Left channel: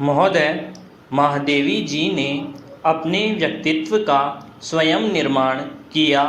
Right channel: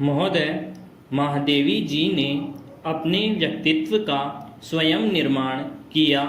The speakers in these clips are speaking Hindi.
महोदय, महादेवी जी ने अपने व्यक्तित्व का स्वयं निर्माण किया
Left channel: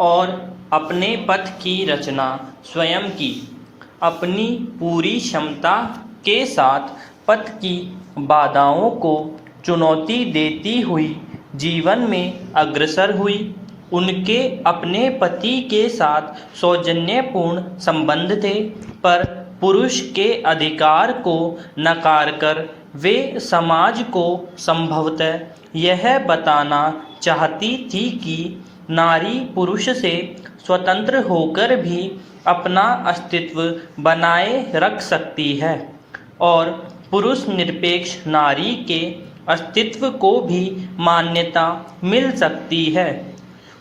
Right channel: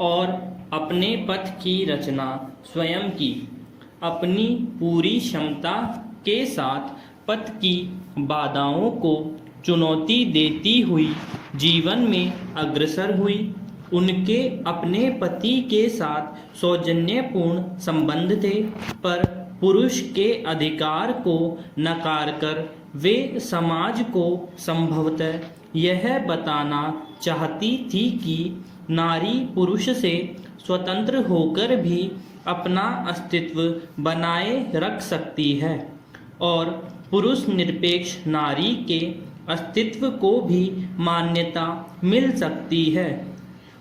और अपने पथ की रचना स्वयं की। अपनी पूरी क्षमता के साथ पथ की बाधाओं को चुनौती देती हुई जीवन में अग्रसर हुई। उनके अपने पति के साथ सौजन्यपूर्ण संबंध थे, पर पुरुष के अधिकार को नकार कर वे समाज को संभवतः यह बताना चाहती थी कि नारी पुरुष से स्वतंत्र होकर भी अपना अस्तित्व बनाए रख सकती है और पुरुष निरपेक्ष नारी के अस्तित्व को भी मान्यता मिल सकती है।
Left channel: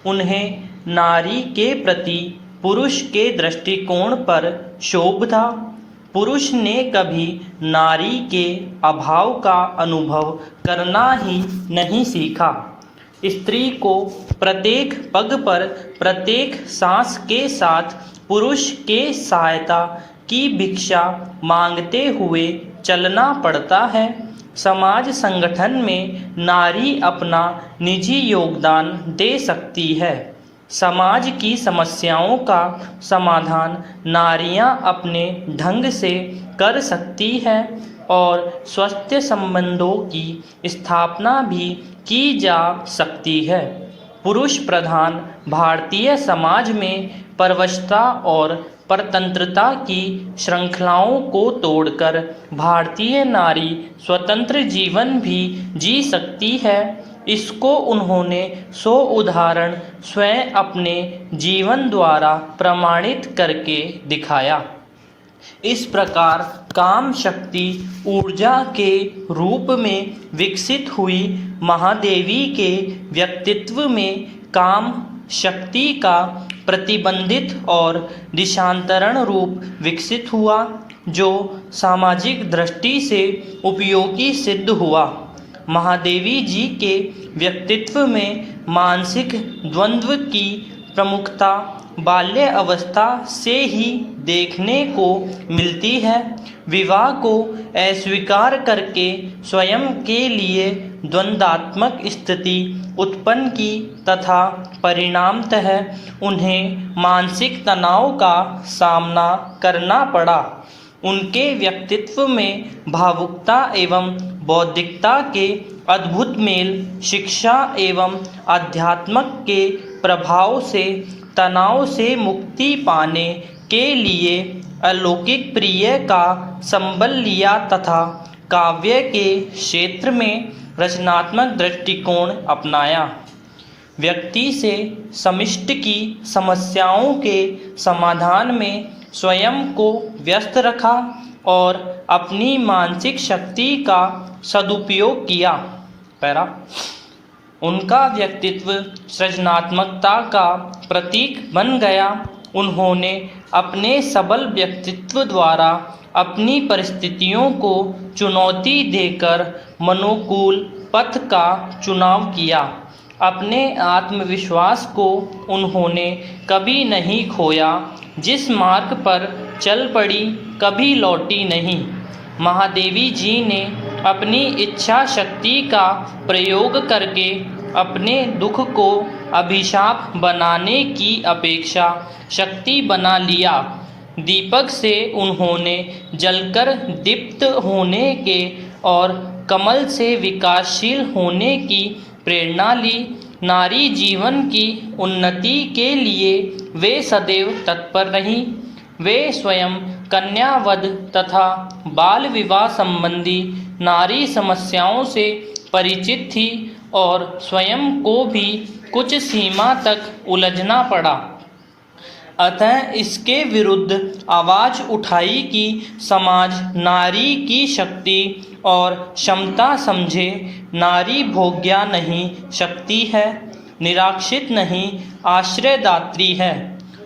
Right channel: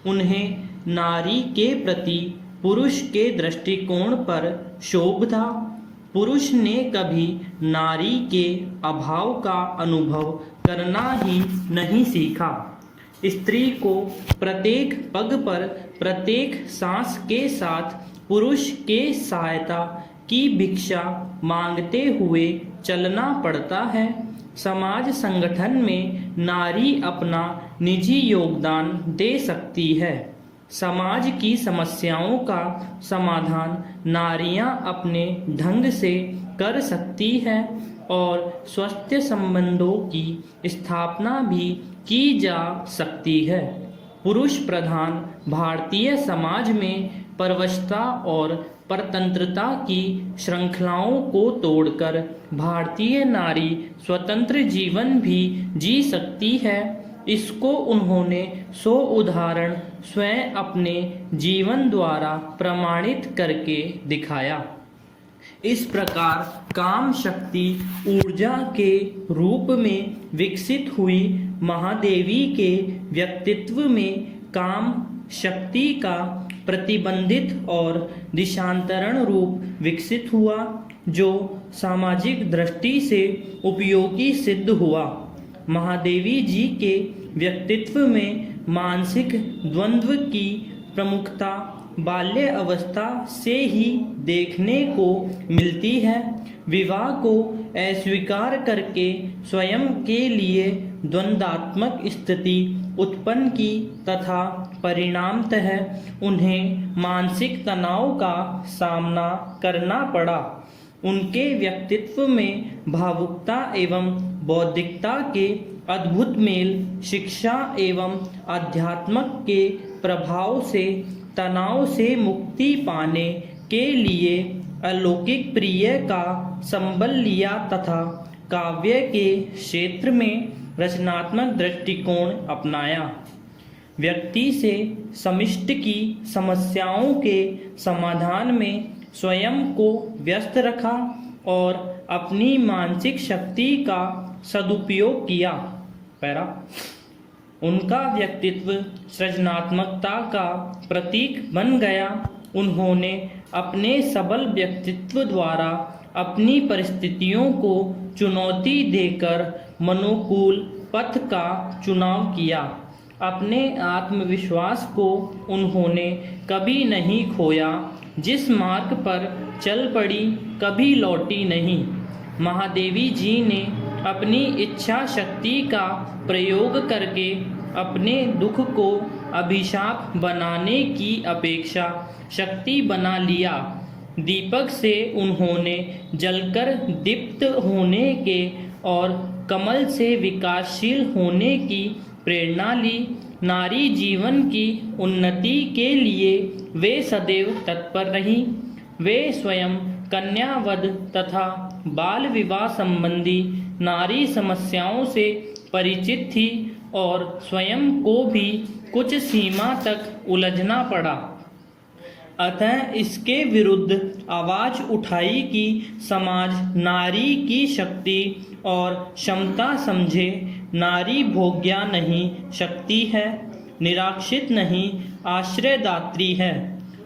उन्हें नारी के प्रति पुरुष के दृष्टिकोण पर क्षोभ था। पुरुष ने कभी नारी के अभाव का अनुभव करना ही नहीं सीखा। स्त्री को प्रत्येक पग पर प्रत्येक सांस के साथ पुरुष के सहायता की भिक्षा मांगते हुए चलना पड़ता है। समाज संगठन में नारी अपना निजी योगदान दे सकती है। समाज की समस्याओं का समाधान नारियां अपने ढंग से कर सकती हैं और स्वस्थ संबंधों की स्थापना भी की जा सकती है। पुरुष प्रधान भारतीय समाज में परवशता और परतंत्रता की श्रृंखलाओं को तोड़कर भारतीय नारी स्वतंत्र जीवन भी जी सकती है। इसको उन्होंने 100 उदाहरण स्वयं अपने जीवन द्वारा प्रमाणित करके दिखाया। इस प्रकार काम शक्ति ऊर्जा के रूप में विकसित हुई महादेवी के व्यक्तित्व में काम शक्ति का प्रतिबंधित और दिशांतरण रूप विकसित हुआ, जो सामाजिक दृष्टि से उपयोगी सिद्ध हुआ। महादेवी जी के व्यक्तित्व में मानसिक द्वंद्व की प्रमुखता बाल्य अवस्था से ही देखने को मिलती है। विवाह को अस्वीकार करके स्वयं के लिए द्वंद्वात्मक स्थिति उत्पन्न की तथा परिणामतः उन्हें मानसिक तनाव का सामना करना पड़ा। उनके व्यक्तित्व में भावुकता एवं बौद्धिकता के अद्भुत मेल, शिक्षा एवं अध्यात्म के प्रभाव से तनाव से मुक्ति पाने के लिए अलौकिक प्रिय का संबल लिया तथा काव्य के क्षेत्र में रचनात्मक दृष्टिकोण अपनाया। व्यक्ति से समष्टि की समस्याओं के समाधान में स्वयं को व्यस्त रखा और अपनी मानसिक शक्ति का सदुपयोग किया। उनका व्यक्तित्व सृजनात्मकता का प्रतीक बन गया। उन्होंने अपने सबल व्यक्तित्व द्वारा अपनी परिस्थितियों को चुनौती देकर मनोकूल पथ का चुनाव किया। अपने आत्मविश्वास को उन्होंने कभी नहीं खोया। जिस मार्ग पर चल पड़ी कभी लौटी नहीं। महादेवी जी ने अपनी इच्छा शक्ति का प्रयोग करके अपने दुख को अभिशाप बनाने की अपेक्षा शक्ति बना लिया। दीपक से उन्होंने जलकर दीप्त होने के और कमल से विकासशील होने की प्रेरणा ली। नारी जीवन की उन्नति के लिए वे सदैव तत्पर रहीं। वे स्वयं कन्यावध तथा बाल विवाह संबंधी नारी समस्याओं से परिचित थी और स्वयं को भी कुछ सीमा तक उलझना पड़ा। अतः इसके विरुद्ध आवाज़ उठाई कि समाज नारी की शक्ति और क्षमता समझे। नारी भोग्या नहीं शक्ति है, निराक्षित नहीं आश्रयदात्री है।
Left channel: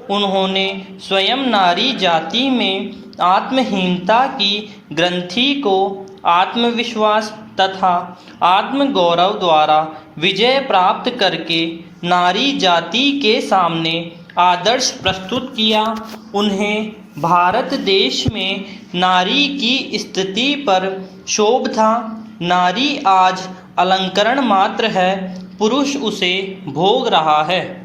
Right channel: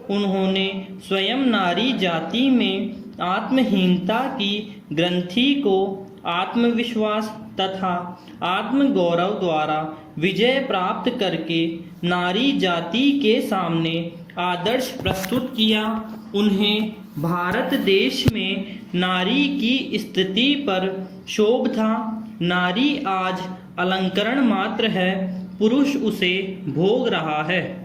उन्होंने स्वयं नारी जाति में आत्महीनता की ग्रंथि को आत्मविश्वास तथा आत्मगौरव द्वारा विजय प्राप्त करके नारी जाति के सामने आदर्श प्रस्तुत किया। उन्हें भारत देश में नारी की स्थिति पर शोभ था। नारी आज अलंकरण मात्र है, पुरुष उसे भोग रहा है।